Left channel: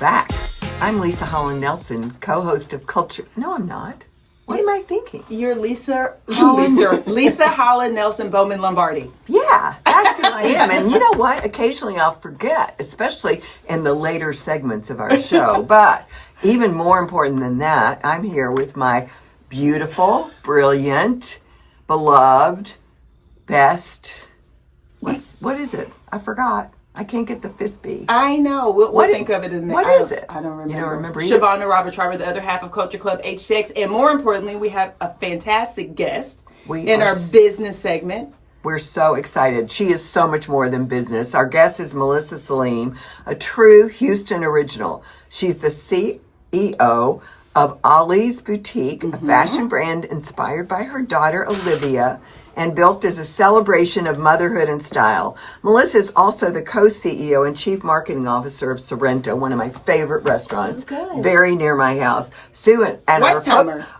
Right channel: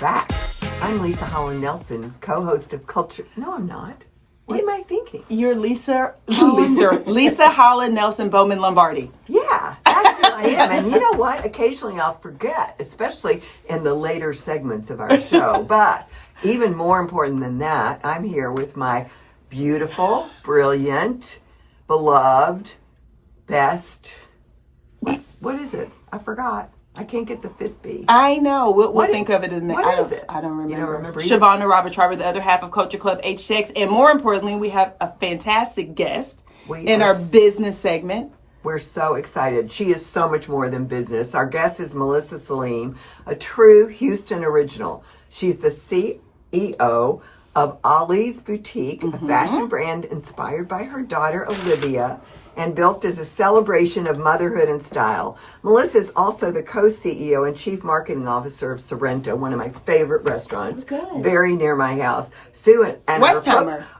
back. I'm Leisa Holland-Nelson, co-host of Culture... No, I'm not. What am I thinking? You're Leisa Holland-Nelson Bowman Lombardi. Yeah, that's who I am. And you know what? Occasionally I'll forget, especially in the later segments of our show. But even more important than that, I'm here with my beautiful, brilliant, beloved, best... What is it? I forgot. I can't get the fifth B. I know. We'll think of it in the... What is it? I don't remember. You don't remember either? Shavonnah Schreiber, the other half of Culture Club HTX. And more importantly, we have a fantastic guest in our business segment. We're so excited. She is so much more than business. Our guest is Melissa Salim, a true Houston original. She's the CEO of Ollie's Boutique, a fashion brand inspired by her daughter Olivia and built as a celebration of motherhood and style. Melissa is also the co-CEO and chief marketing officer of Sorrento, one of my favorite restaurants, very near my house. Sue and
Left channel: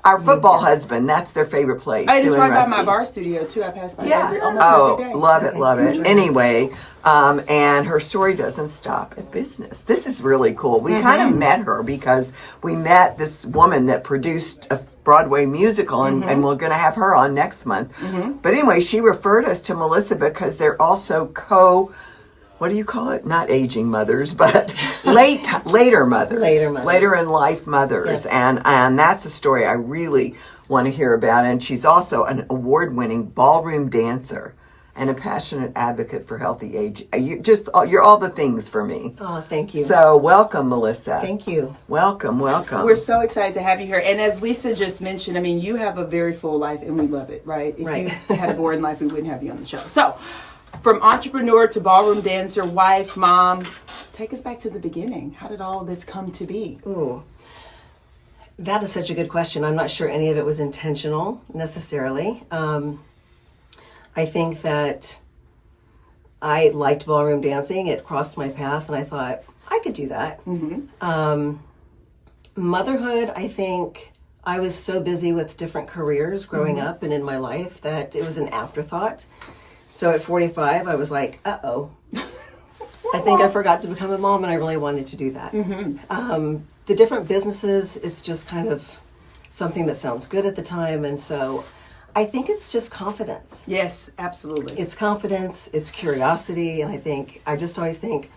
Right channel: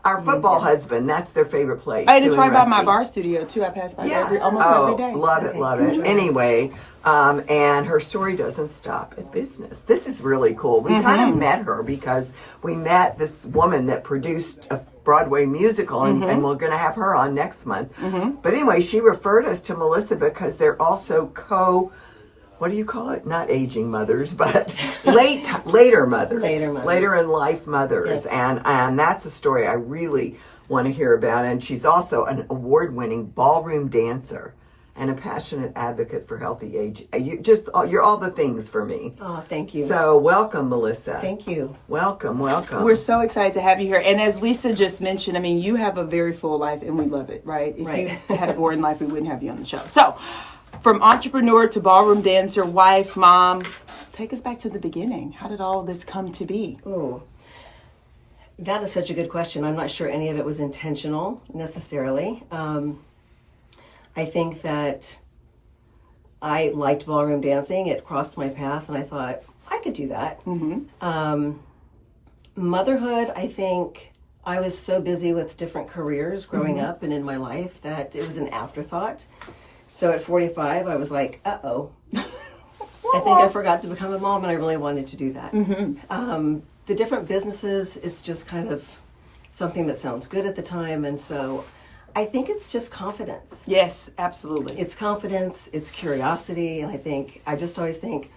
our football husband, that's their favorite place. I just walked by my bar studio too. I pass by almost every day. Love it. Anyway, and her story doesn't stop at business. This is really cool. We kind of met her because we met this woman that produced a Broadway musical, and we're going to have her on next month. But anyway, she referred us to Melissa because they're also what do you call it? Not aging mothers, but later mothers. Later in life mothers. Yes. And that's a story I really want to hear about. And she's also an award-winning ballroom dancer and a passionate advocate for healthy aging. You're all the things for me. Oh, thank you. So welcome, Melissa. Thank you. Welcome. We're so excited to have you here. And as Leisa just mentioned, I mean, you have a very full life and we love it, right? If you had a boring life, we wouldn't have you on the show. So from entrepreneur to ballroom dancer, wife, mom, take us back to the beginning. How did all this come to be? Ooh, that is such a good question. I'm not sure any of it was intentional necessarily. I think that I liked ballroom dancing. It crossed my path, and I thought, I could do that. Motherhood, I think I was so busy with different careers growing up and in my life that it was an afterthought. So at 45, I was like, uh-oh. I think I forgot to become a mom, and I really wanted to do that. The different businesses, it's just kind of something that sounds good at the time, and so I think it's just confidence. Yes, absolutely. It's confidence, it's curiosity, and I just always think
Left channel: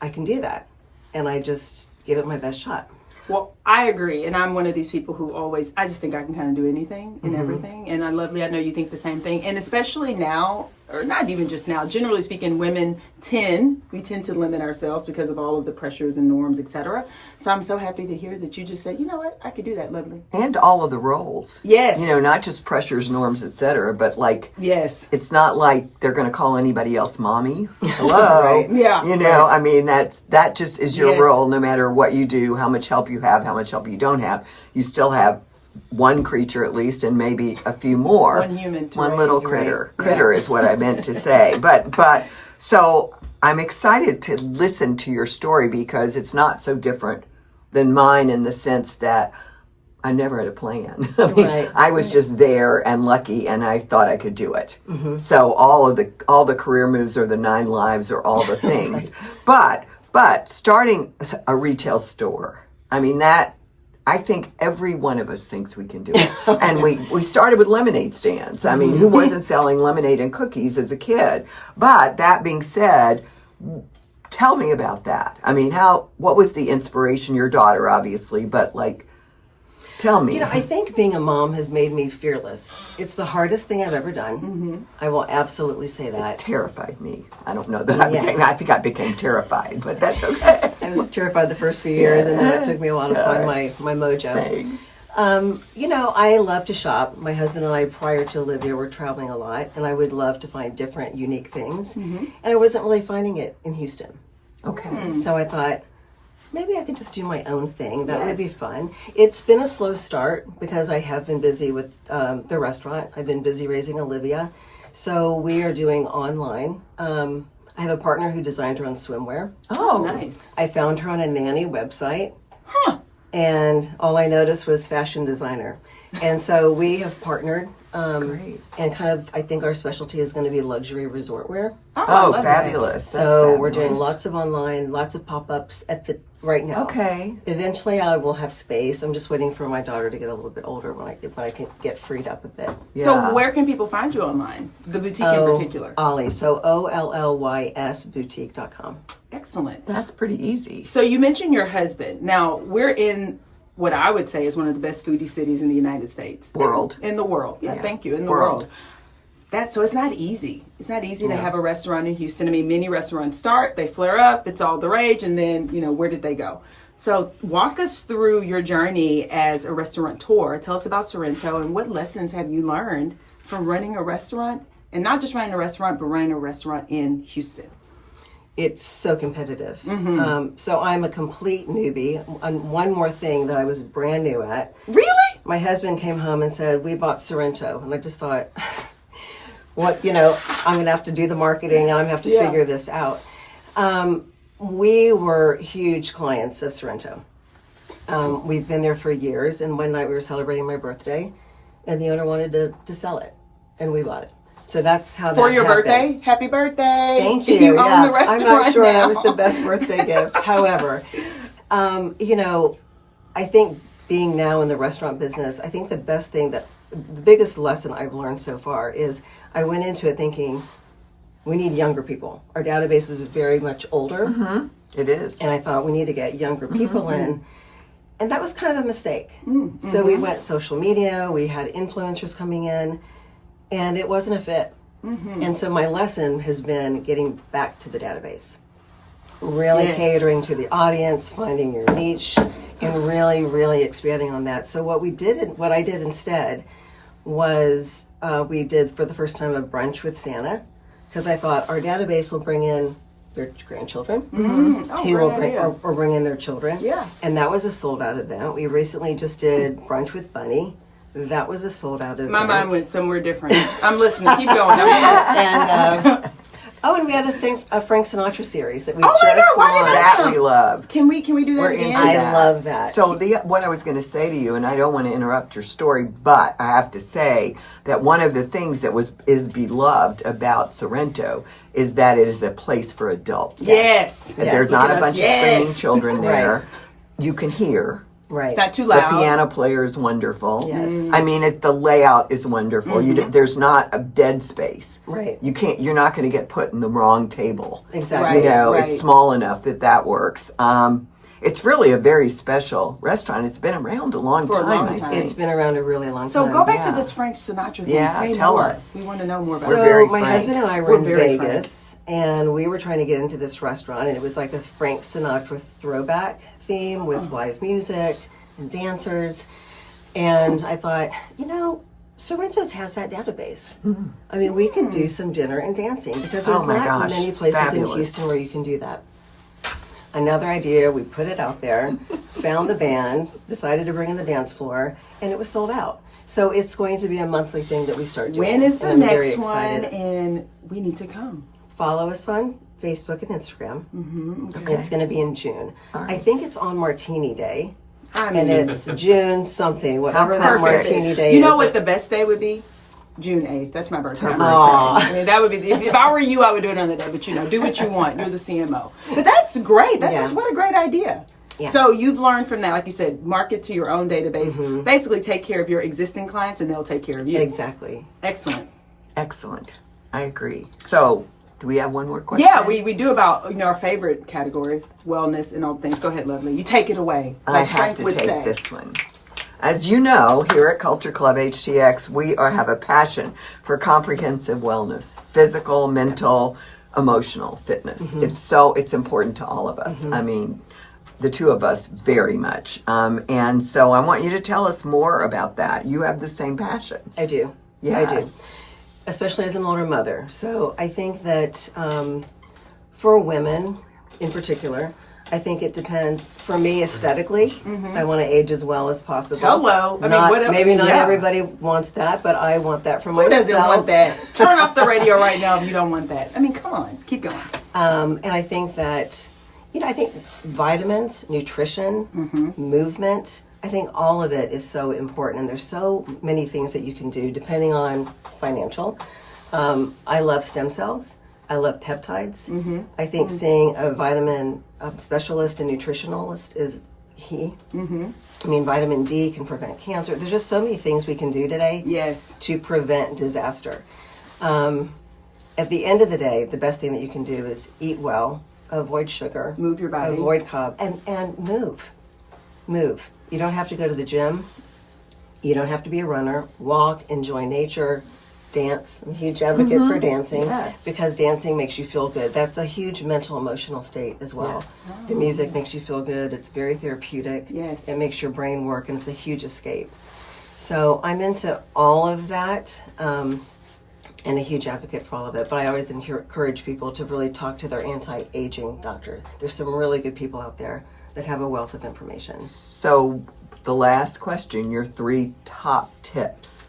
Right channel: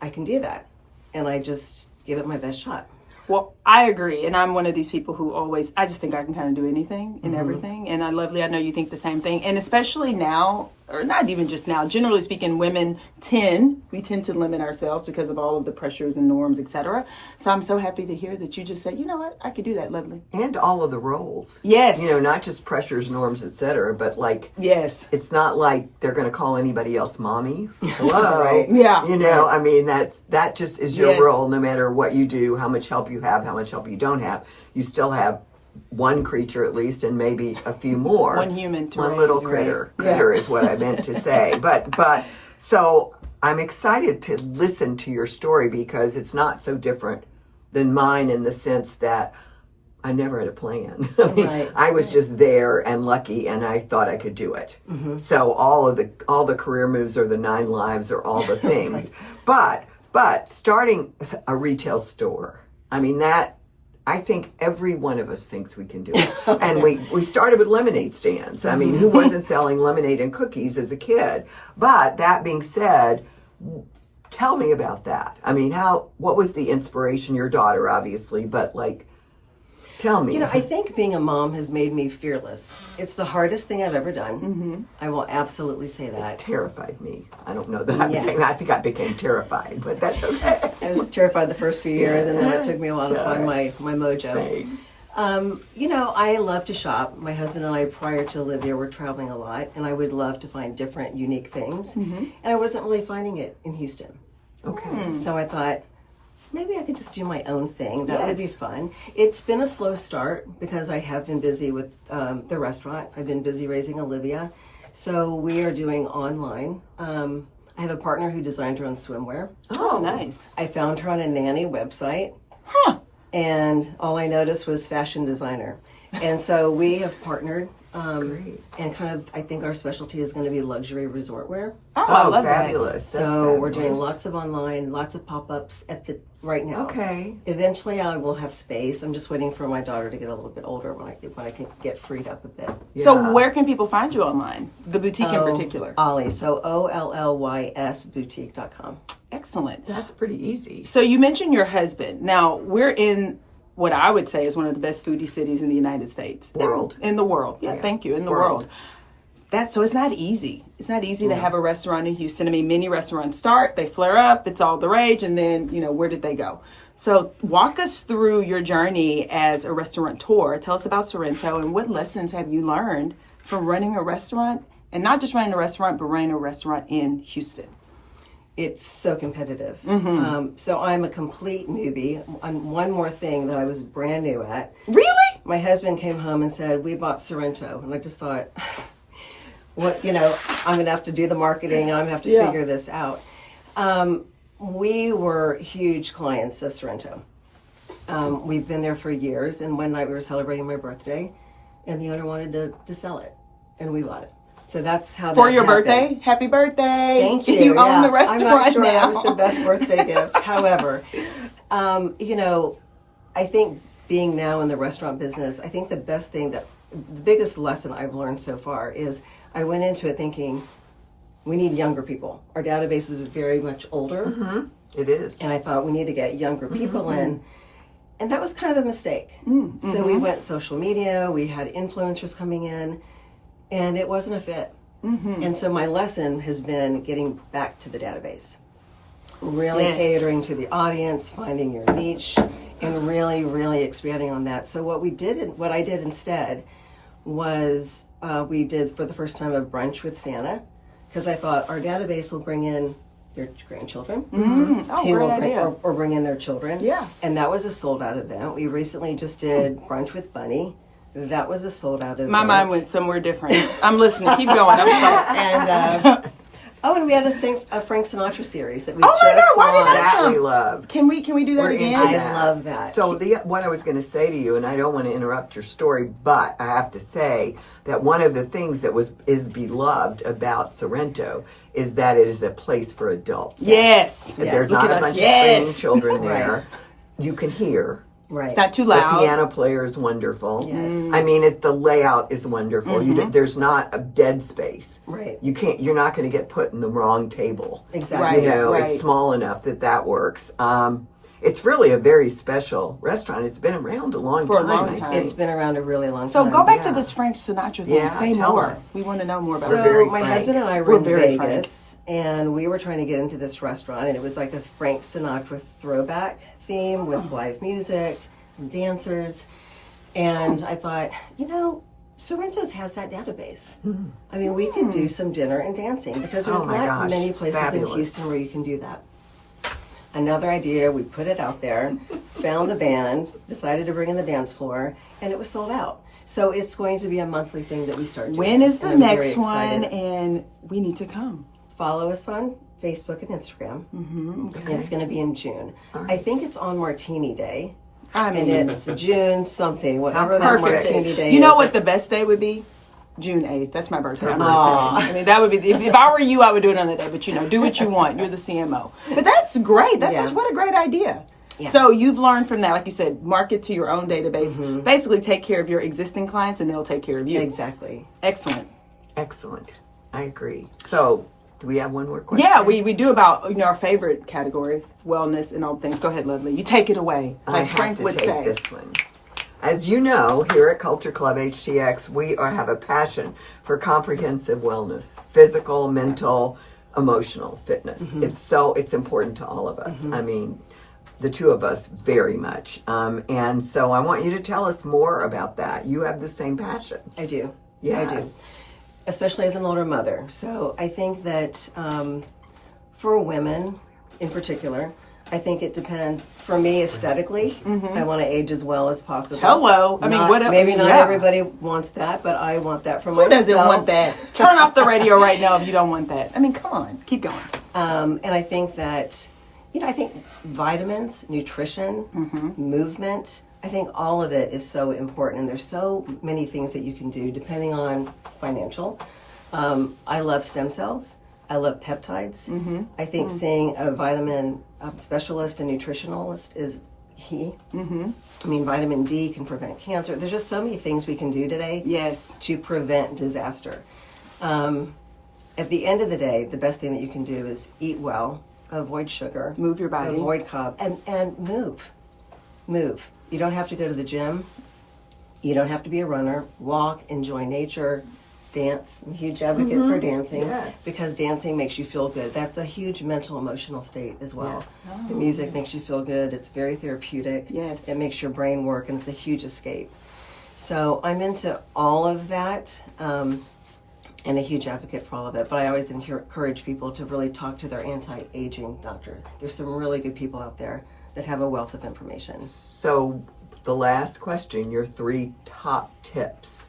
I can do that. And I just give it my best shot. Well, I agree. And I'm one of these people who I just think I can kind of do anything and everything. And I know you think the same thing. And especially now, or not even just now, generally speaking, women tend to limit ourselves because of all of the pressures and norms, etc. So I'm so happy to hear that you just said, you know what, I could do that, lovely. And all of the roles. Yes. Not just pressures, norms, etc., but yes, it's not like they're going to call anybody else mommy. Hello. Right. Yeah. I mean, that just is your role, no matter what you do, how much help you have, how much help you don't have. You still have one creature at least, and maybe a few more. One human. One little critter. Right. Critter is what I meant to say. But so I'm excited to listen to your story because it's not so different than mine in the sense that I never had a plan. I was just there and lucky, and I thought I could do it. So all the career moves or the 9 lives or all the things. But starting a retail store, I mean, I think every one of us thinks we can do it. And we started with lemonade stands. I mean, who wasn't selling lemonade and cookies as a kid? But that being said, tell me about that. I mean, what was the inspiration? Your daughter, obviously, but tell me. I think being a mom has made me fearless. It's the hardest thing I've ever done. I will absolutely say that. It terrified me. I don't know that I think I became terrified, but that's okay. I was terrified the first few years, and then it took me a while to find my mojo. Thanks. I love to shop. My husband and I, prior to Olivia, were traveling a lot, and I would love to find different, unique things. And I wasn't really finding it in Houston. Okay. So I thought, maybe I could just do my own thing. That would be fun. It's been a slow start because I have been busy with the restaurant. I've been busy raising Olivia. So we are doing online. I have a partner who designed her own swimwear. Oh, nice. I found her on a nanny website. And all I noticed was fashion designer. And so we have partnered Great. And kind of, I think our specialty is going to be luxury resort wear. I Oh, love that. fabulous. So we're doing lots of online, lots of pop-ups right now. Okay. Eventually I will have space. I'm just waiting for my daughter to get a little bit older when I can get freed up a bit. So Yeah. where can people find you online? The boutique in particular. Ollie. So OLLYS boutique.com. Excellent. That's pretty easy. So you mentioned your husband. Now we're in what I would say is one of the best foodie cities in the United States. World. In the world. Yeah, thank you. In the world. So it's not easy. It's not easy to have a restaurant in Houston. I mean, many restaurants start, they flare up, it's all the rage, and then, where did they go? So walk us through your journey as a restaurateur. Tell us about Sorrento and what lessons have you learned from running a restaurant, and not just running a restaurant, but running a restaurant in Houston. It's so competitive. Mm-hmm. So I'm a complete newbie. And one more thing that I was brand new at. Really? My husband came home and said, we bought Sorrento. And I just thought, I'm going to have to do the marketing and I'm going to have to figure this out. We were huge clients of Sorrento. We've been there for years. And one night we were celebrating my birthday and the owner wanted to sell it. And we bought it. So that's how For that your happened. birthday? Happy birthday. Thank you. You own the restaurant I'm not sure now. that was the best birthday gift. However, I think being now in the restaurant business, I think the biggest lesson I've learned so far is I went into it thinking we need younger people. Our database is very much older. Mm-hmm. It is. And I thought we need to get younger people in. And that was kind of a mistake. Mm-hmm. So we went social media, we had influencers coming in, and it wasn't a fit. Mm-hmm. And so my lesson has been getting back to the database. Really Yes. catering to the audience, finding your niche, and really, really expanding on that. So what I did instead was we did for the first time a brunch with Santa, because I thought our database will bring in their grandchildren, Oh, who will great bring, idea. or bring in their children. Yeah. And that was a sold out event. We recently just did brunch with Bunny. That was a sold out event. My mind went somewhere different. I'm listening. Keep going. I'm sorry. And and we had a Frank Sinatra series that we Oh my just God, why did launched. That we love. Can we do that We're again? into I that. love that. So what I was going to say to you, and I don't want to interrupt your story, but I have to say that one of the things that is beloved about Sorrento is that it is a place for adults. Yes. That there's Look not at a us. bunch of Yes. screaming children there. Right. You can hear. Right. It's not too The loud. piano player is wonderful. Yes. I mean, the layout is wonderful. There's not a dead space. Right. You're not going to get put in the wrong table. Exactly. Right. It's small enough that works. It's really a very special restaurant. It's been around a long For a time. long I time. think. It's been around a really long So time. go back to Yeah. this Frank Sinatra thing. Yeah, Say tell more. us. We want to know more about So it. very my frank. husband and I were We're in very Vegas, and we were trying to get into this restaurant, and it was like a Frank Sinatra throwback theme with live music and dancers. And I thought, Sorrento's has that database. I mean, we could do some dinner and dancing because there's Oh my not gosh, many places fabulous. in Houston where you can do that. Another idea, we put it out there, found the band, decided to bring in the dance floor, and it was sold out. So it's going to be a monthly thing that we start doing. When is the and I'm very next one? excited. And we need to come. Follow us on Facebook and Instagram. Mm-hmm. It's going to be in June. I think it's on Martini Day, I and mean, it's June something, whatever that perfect. Martini Day You know is. what the best day would be? June 8th. That's my birthday. I'm just Aw. saying. I mean, that would be, if I were you, I would do it on the day, but do what you want. You're the CMO. But that's great. That's Yeah. just, what a great idea. Yeah. So you've learned from that, like you said, market to your own database. Basically take care of your existing clients and they'll take care of you. Exactly. Excellent. Excellent. I agree. So, do we have one more question? Yeah, we do about our favorite category, wellness and all things. Go ahead, Lovely. You take it away. I Like have Frank to would take say. this one. As you know, here at Culture Club HTX, we have a passion for comprehensive wellness, physical, mental, emotional fitness. It's important to all of us. I mean, the two of us very much. And so I want you to tell us more about that. You have the same passion. I do. I do. Yes. Especially as an older mother. So I think that for women in particular, I think it depends. For me, aesthetically, I want to age as well as possible. Hello. I mean, what else- maybe not yeah. everybody wants that, but I want that for Who myself. doesn't want that? Turn off the radio right now if you don't want that. I mean, come on. Keep going. And I think that, I think vitamins, nutrition, movement, I think all of it is so important, and there's so many things that you can do depending on financial. I love stem cells. I love peptides. I think seeing a vitamin specialist and nutritionalist is key. I mean, vitamin D can prevent cancer. There's just so many things we can do today to prevent disaster. At the end of the day, the best thing that you can do is eat well, avoid sugar, move your body, avoid carbs, and move. You don't have to go to the gym. You don't have to be a runner. Walk, enjoy nature, dance. I'm a huge advocate for dancing because dancing makes you feel good. That's a huge mental, emotional state as well. The music makes you feel good. It's very therapeutic. It makes your brain work, and it's a huge escape. So I'm into all of that. And a huge advocate for all of it. But I always encourage people to really talk to their anti-aging doctor. There's some really good people out there that have a wealth of information. So the last question, your 3 top tips,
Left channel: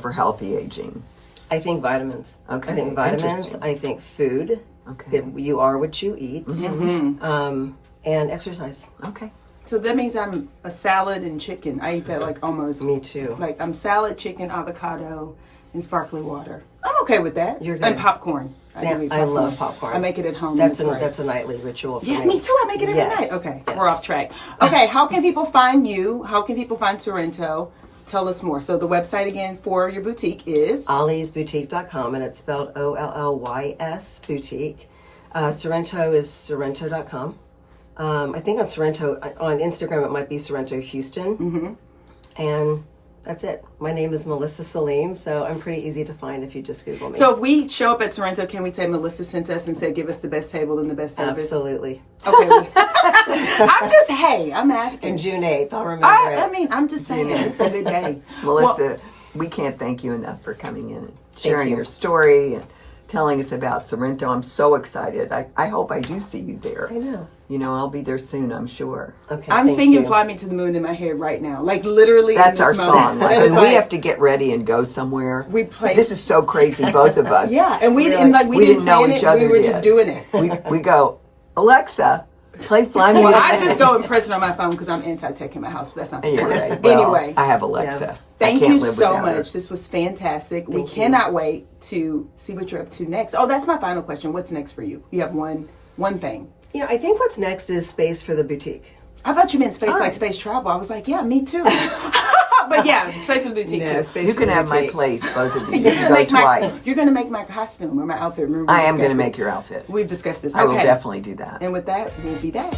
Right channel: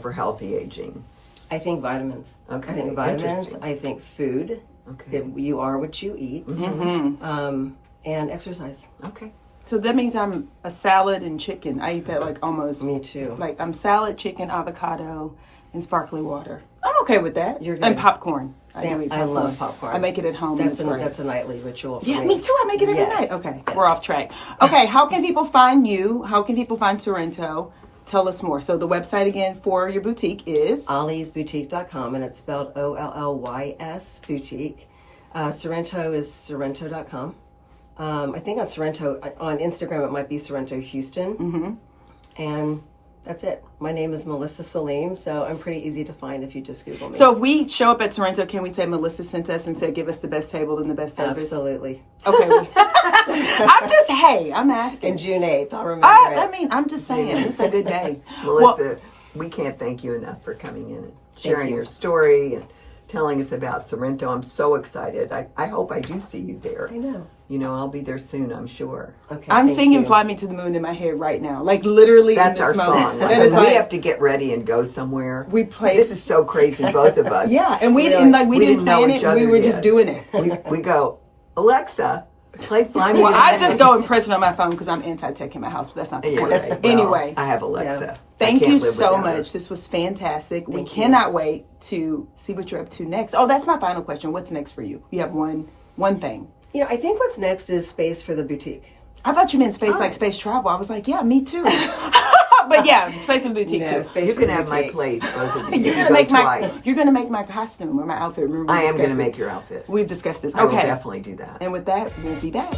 for healthy aging. I think vitamins. Okay. I think vitamins. I think food. Okay. You are what you eat. And exercise. Okay. So that means I'm a salad and chicken. I eat that like almost. Me too. Like I'm salad, chicken, avocado, and sparkling water. I'm okay with that. You're good. And popcorn. I love popcorn. I make it at home. That's a nightly ritual for me. Yeah, me too. I make it every night. Okay, we're off track. Okay, how can people find you? How can people find Sorrento? Tell us more. So the website again for your boutique is? OllysBoutique.com, and it's spelled Ollys boutique. Sorrento is Sorrento.com. I think on Sorrento, on Instagram, it might be Sorrento Houston. And that's it. My name is Melissa Salim, so I'm pretty easy to find if you just Google me. So if we show up at Sorrento, can we say Melissa sent us and say give us the best table and the best service? Absolutely. Okay. I'm asking. And June 8th, I'll remember it. I mean, I'm just saying, it's a good day. Melissa, we can't thank you enough for coming in and sharing your story and telling us about Sorrento. I'm so excited. I hope I do see you there. I know. I'll be there soon, I'm sure. Okay. I'm singing Fly Me to the Moon in my head right now. Like literally. That's our song. We have to get ready and go somewhere. We play. This is so crazy, both of us. Yeah, and we didn't know plan each it. other We were yet. just doing it. We go, Alexa, play Fly Me. Well, I just go and press it on my phone because I'm anti-tech in my house, but that's not the point. Anyway. I have Alexa. Yeah. Thank you so much. This was fantastic. We cannot wait to see what you're up to next. Oh, that's my final question. What's next for you? You have one thing. I think what's next is space for the boutique. I thought you meant space like space travel. I was like, yeah, me too. But yeah, space for the boutique too. Space You for can the have my boutique. place, both of you. You're gonna make twice. You're gonna make my costume or my outfit. Remember, I am going to make your outfit. We've discussed this. I will definitely do that. And with that, we'll be back.